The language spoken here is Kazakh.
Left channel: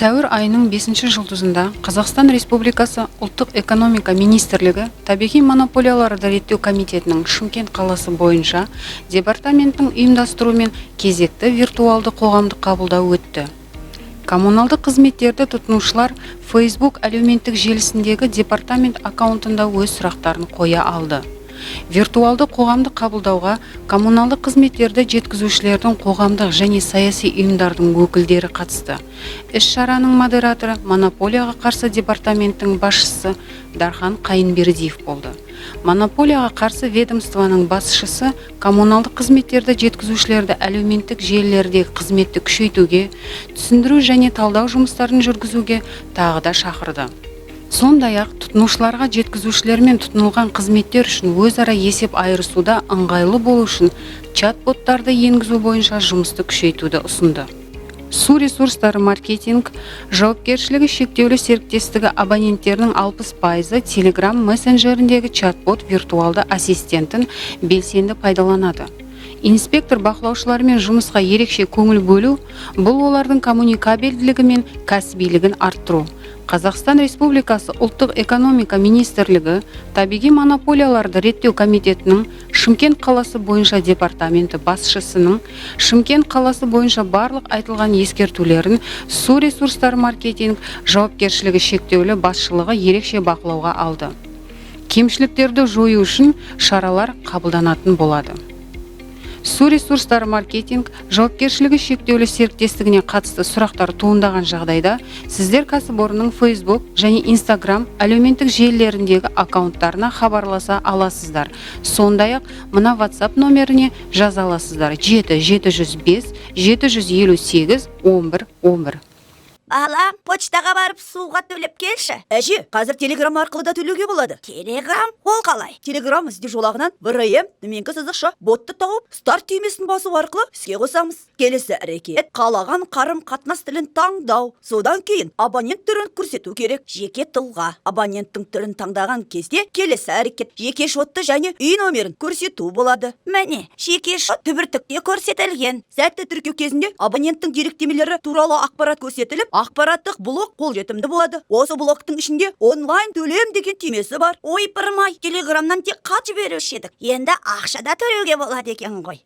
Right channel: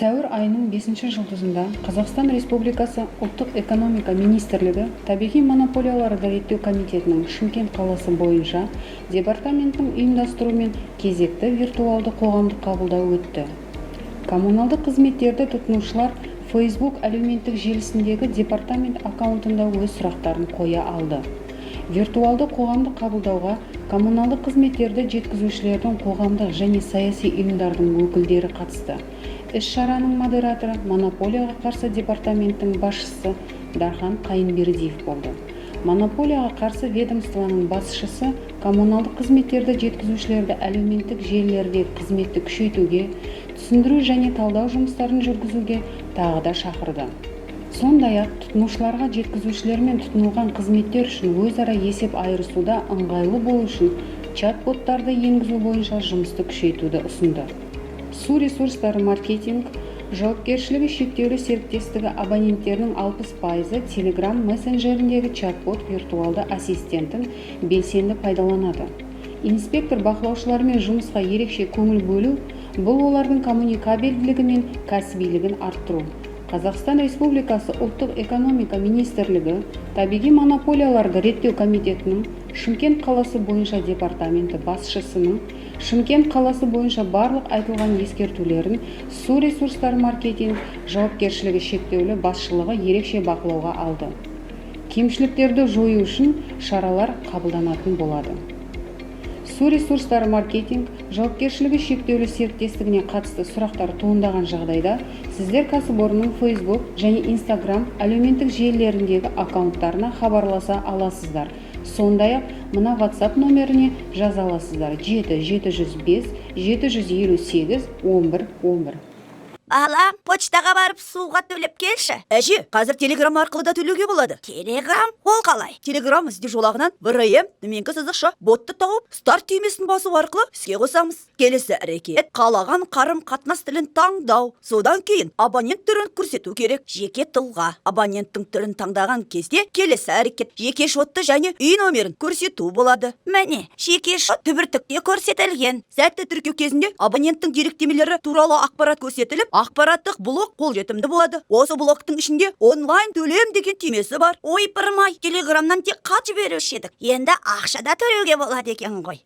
Сәуір айының 5 жұлдызында Қазақстан Республикасы ұлттық экономика министрлігі табиғи монополияларды реттеу комитетінің Шымкент қаласы бойынша департаменттің ұйымдастыруымен кезекті виртуалды қоғамдық қабылдау өтті. Коммуналдық қызметтерді тұтынушылар Facebook әлеуметтік желісіндегі департамент аккаунтында өз сұрақтарын қоя алды. Виртуалды қоғамдық қабылдауға коммуналдық қызметтерді жеткізушілердің қоғамдық және саяси ұйымдардың өкілдері қатысты. Іс-шараның модераторы монополияға қарсы департаменттің басшысы Дархан Қайынбердиев болды. Монополияға қарсы ведомствоның басшысы коммуналдық қызметтерді жеткізушілерді әлеуметтік желілердегі қызметті күшейтуге, түсіндіру және талдау жұмыстарын жүргізуге тағы да шақырды. Сондай-ақ тұтынушыларға жеткізушілермен тұтынылған қызметтер үшін өзара есеп айырысуда ыңғайлы болу үшін чат-боттарды енгізу бойынша жұмысты күшейтуді ұсынды. Су ресурстары маркетинг жауапкершілігі шектеулі серіктестігі абоненттерінің 60% Telegram мессенджеріндегі чат-бот виртуалды ассистентін белсенді пайдаланады. Инспектор бақылаушылармен жұмысқа ерекше көңіл бөлу, бұл олардың коммуникабельділігі мен кәсібилігін арттыру. Қазақстан Республикасы ұлттық экономика министрлігі табиғи монополияларды реттеу комитетінің Шымкент қаласы бойынша департаменті басшысының Шымкент қаласы бойынша барлық айтылған ескертулерін су ресурстары маркетинг жауапкершілігі шектеулі басшылығы ерекше бақылауға алды. Кемшіліктерді жою үшін шаралар қабылданатын болады. Су ресурстары маркетинг жауапкершілігі шектеулі серіктестігіне қатысты сұрақтар туындаған жағдайда сіздер кәсіпорынның Facebook және Instagram әлеуметтік желілеріндегі аккаунттарына хабарласа аласыздар. Сондай-ақ мына WhatsApp номеріне жаза аласыздар: 7-705 758 11 11. Алам, почтаға барып суға төлеп келші. Әже, қазір телеграм арқылы да төлеуге болады. Телеграм? Ол қалай? Телеграм ізде жолағынан ВРМ төменгі сызықша ботты тауып, старт түймесін басу арқылы іске қосамыз. Келесі әрекет, қалаған қарым қатынас тілін таңдау. Содан кейін абонент түрін көрсету керек. Жеке тұлға. Абоненттің түрін таңдаған кезде келесі әрекет, жеке шотты және үй номерін көрсету болады. Міне, жеке шот түбіртікте көрсетілген. Сәтті тіркеу кезінде абоненттің деректемелері туралы ақпарат көрсетіліп, ақпараттық блок қолжетімді болады. Осы блоктың ішінде онлайн төлем деген түймесі бар. Ой, пырмай, телеграмнан тек хат жіберуші едік. Енді ақшада төлеуге болады екен ғой.